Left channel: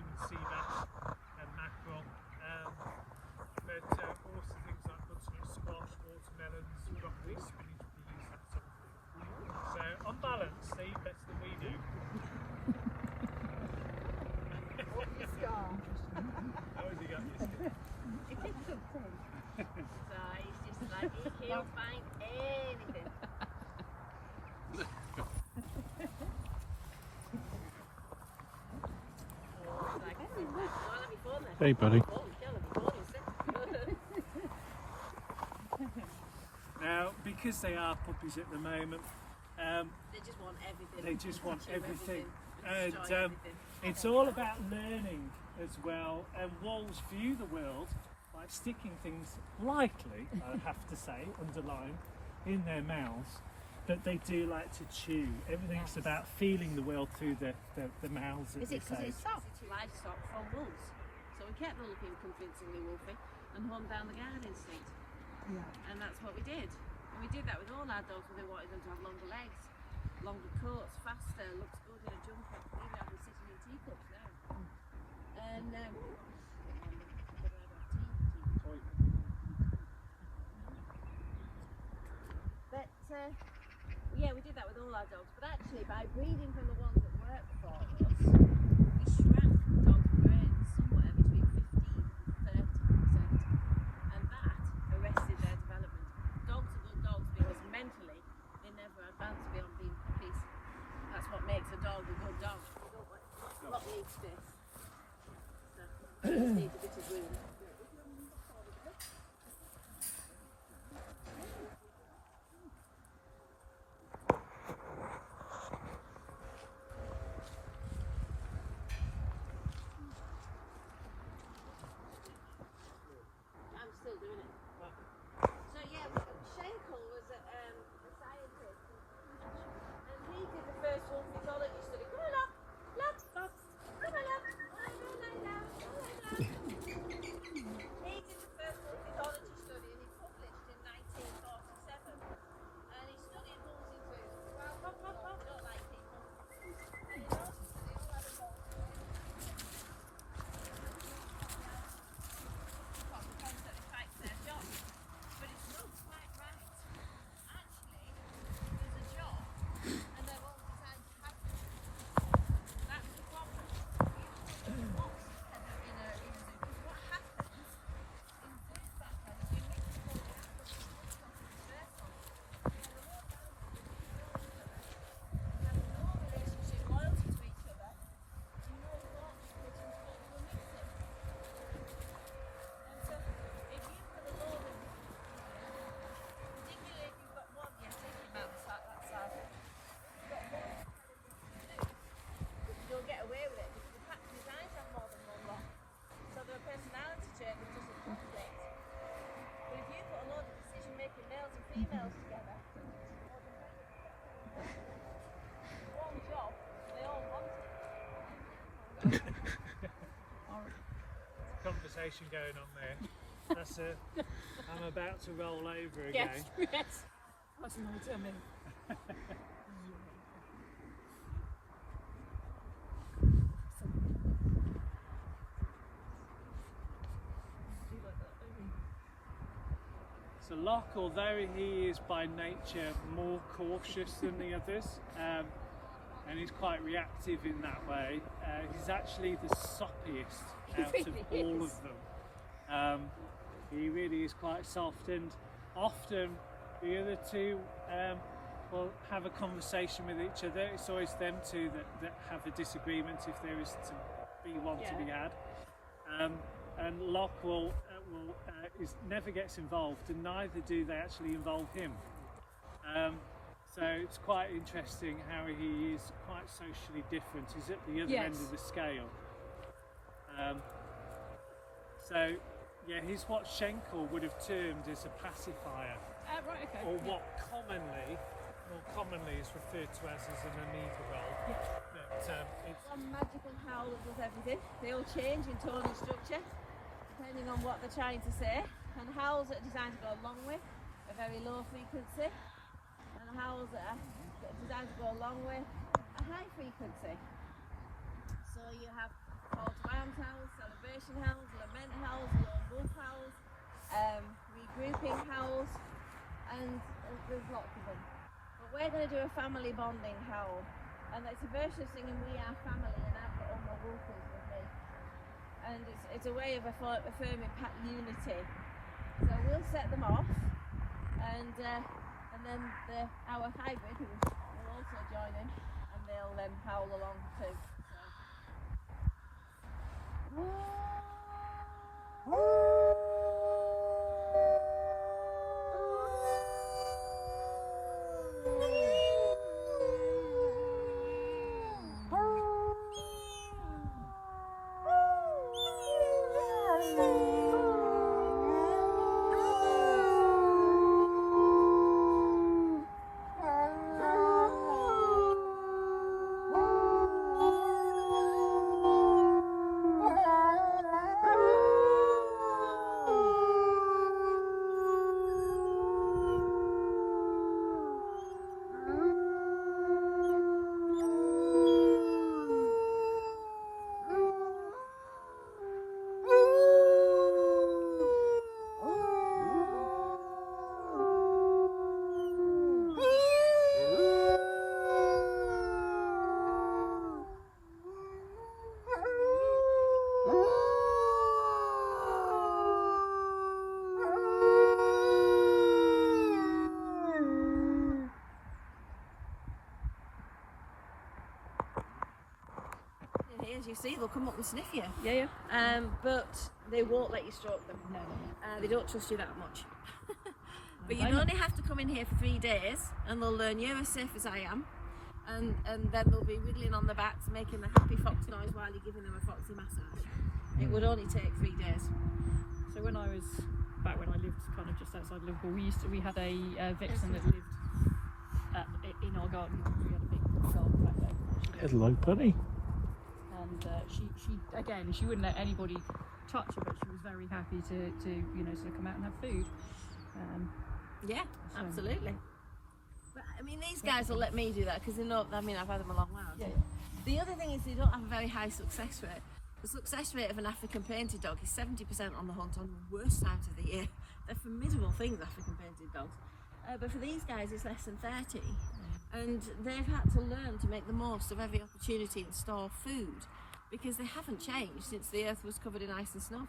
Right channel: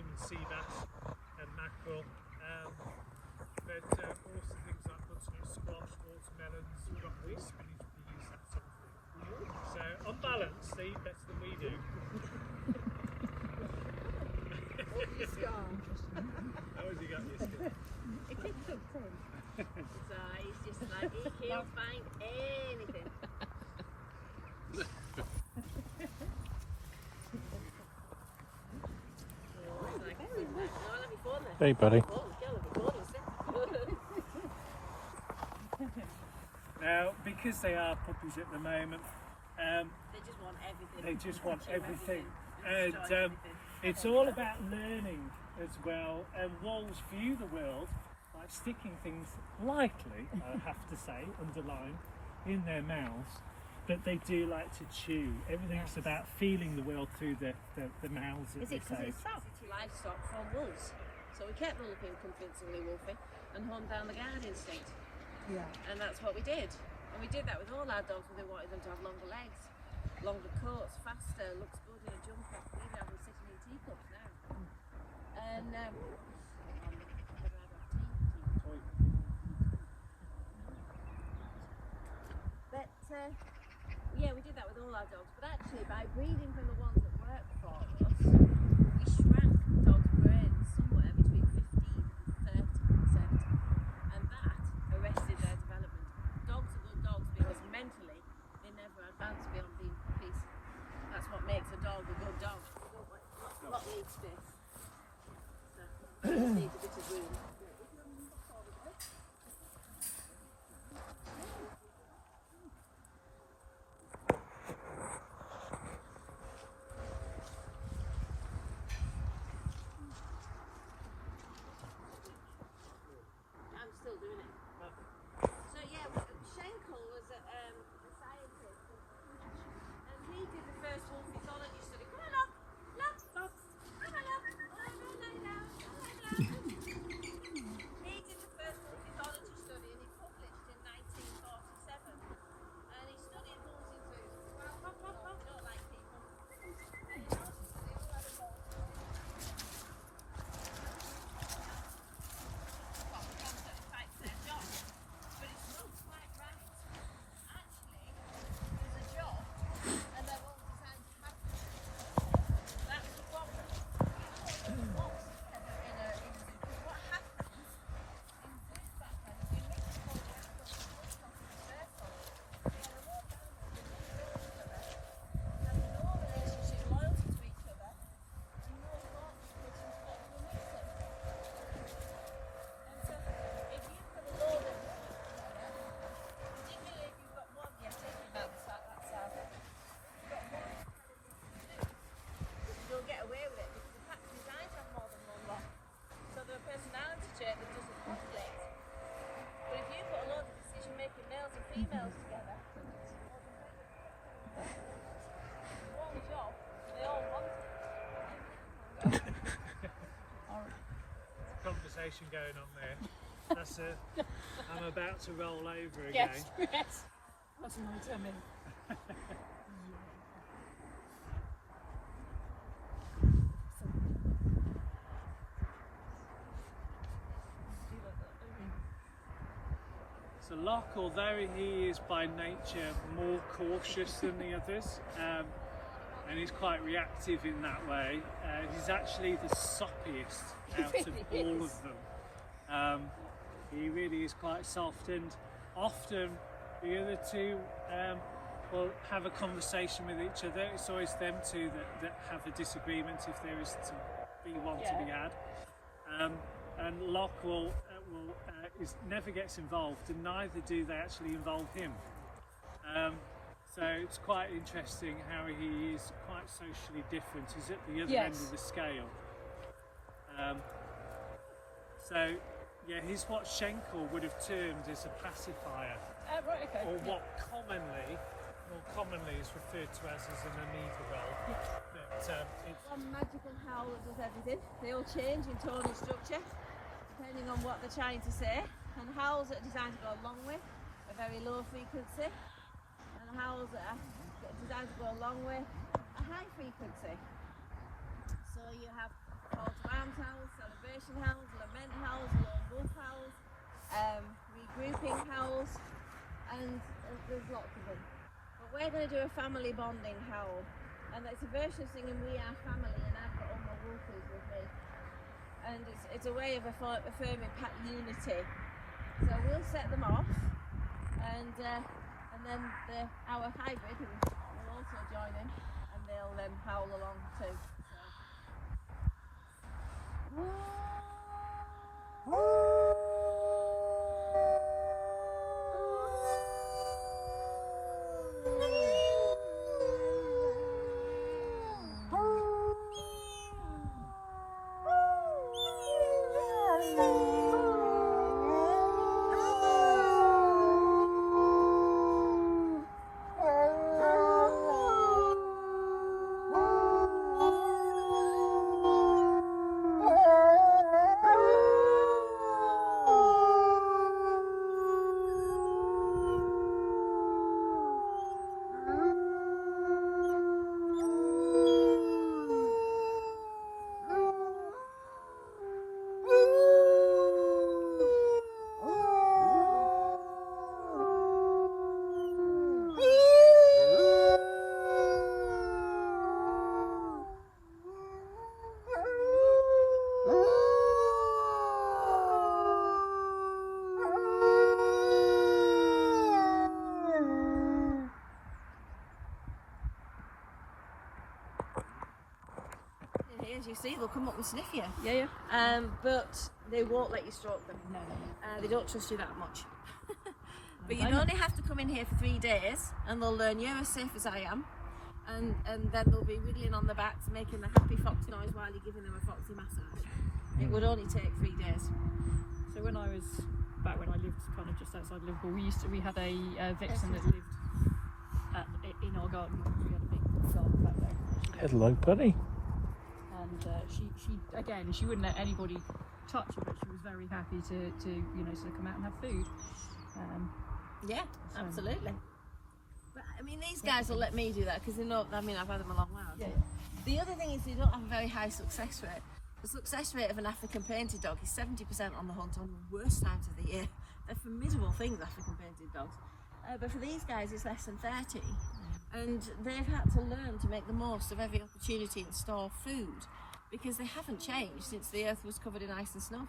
bream and sea bass and mackerel. But also things like butternut squash, watermelons, broccoli, spinach, peas, that sort of thing. So on balance, they eat better than we do. How has he got this? So he's just like, he can't find anything. Hey, buddy. Now, because they are puppies at the moment, They just want everything. they just want everything. Enjoy And everything. it's all about learning as well. And wolves view the world by sticking things lightly, I have to say, underlined, in their mouths. But they do like to chew. Everything's about feeling the world through the mouths. Is it because it's soft? It's livestock from wolves. So we kept them looking convincingly wolfy and honed down the guard instinct. Yeah. And that's what we did. And we did that with all our dogs. We wanted them to have longer legs, longer coats, faster, looks good in a jumper. We even have them sitting in teacups now. And yeah, we did that with all our dogs. But actually, by breeding from the ones that worked for us, we shrank dogs' brains somewhere between 15 and 30%. And that arrested their development. Dogs are good dogs because mentally they never advance beyond being puppies. That's what makes a dog a good dog. What needs this? So, need a bit of room. Conversation going on there. That's I'm about to roll over again. Yes. That's my tummy. So Locke, although he is by nature more cautious than the others, and he's quite reactive in that way, he's actually the soppiest out of all of them. He really is quite soft, and often the other two will have a conversation with each other. It's always them two that have a disagreement, if there is to be one to be had. And Locke never gets involved, and neither do they actually involve him. So it's quite interesting how he is quite socially different. He's at the other end of the scale. So yeah, he's what Schenkel would have termed as a pacifier, Right, okay. or what more commonly is referred to as an amoeba. One magical howl that does everything. They all change in tone and structure depending on what they're trying to say. And howls that are designed to go a long way, a very low frequency. And howls that are designed to go a long way, a high frequency. So you have call to expression howls, lament howls, lone wolf howls, regrouping howls, and there's lots of them. But we're going to do a family bonding howl, and it's a version of singing We Are Family, and I've got all my wolfies with me. And it's a way of affirming pack unity. So we'll set them off, and then our hybrid who will also join in, and they'll howl along too. As you see, they'll come up and sniff you. Yeah. But they won't let you stroke them. They don't trust you that much. But you only have to come in here for 3 days, and they'll learn you're as safe as I am, and then they'll be wiggling on the backs, making the happy fox noise while you're giving them a foxy massage. It would only take 3 days. So when I lived kind of just outside Liverpool, we had a vixen that lived in our garden. We had a big garden back there. Hello, bunny. She wouldn't let anybody touch her, but she was very happy to come out and have food. Yeah, absolutely. But I mean, these guys will let me do that because they know. I mean, I've had them a long while. Yeah. The other thing is they don't have a very high success rate. The success rate of an African painted dog is 70% on the hunt on the worst times of the year. They're formidable things, African painted dogs. But for these guys, it's less than 30, and they've had to learn to make the most of every opportunity and store food, because they haven't changed since the earth was covered in ice and snow.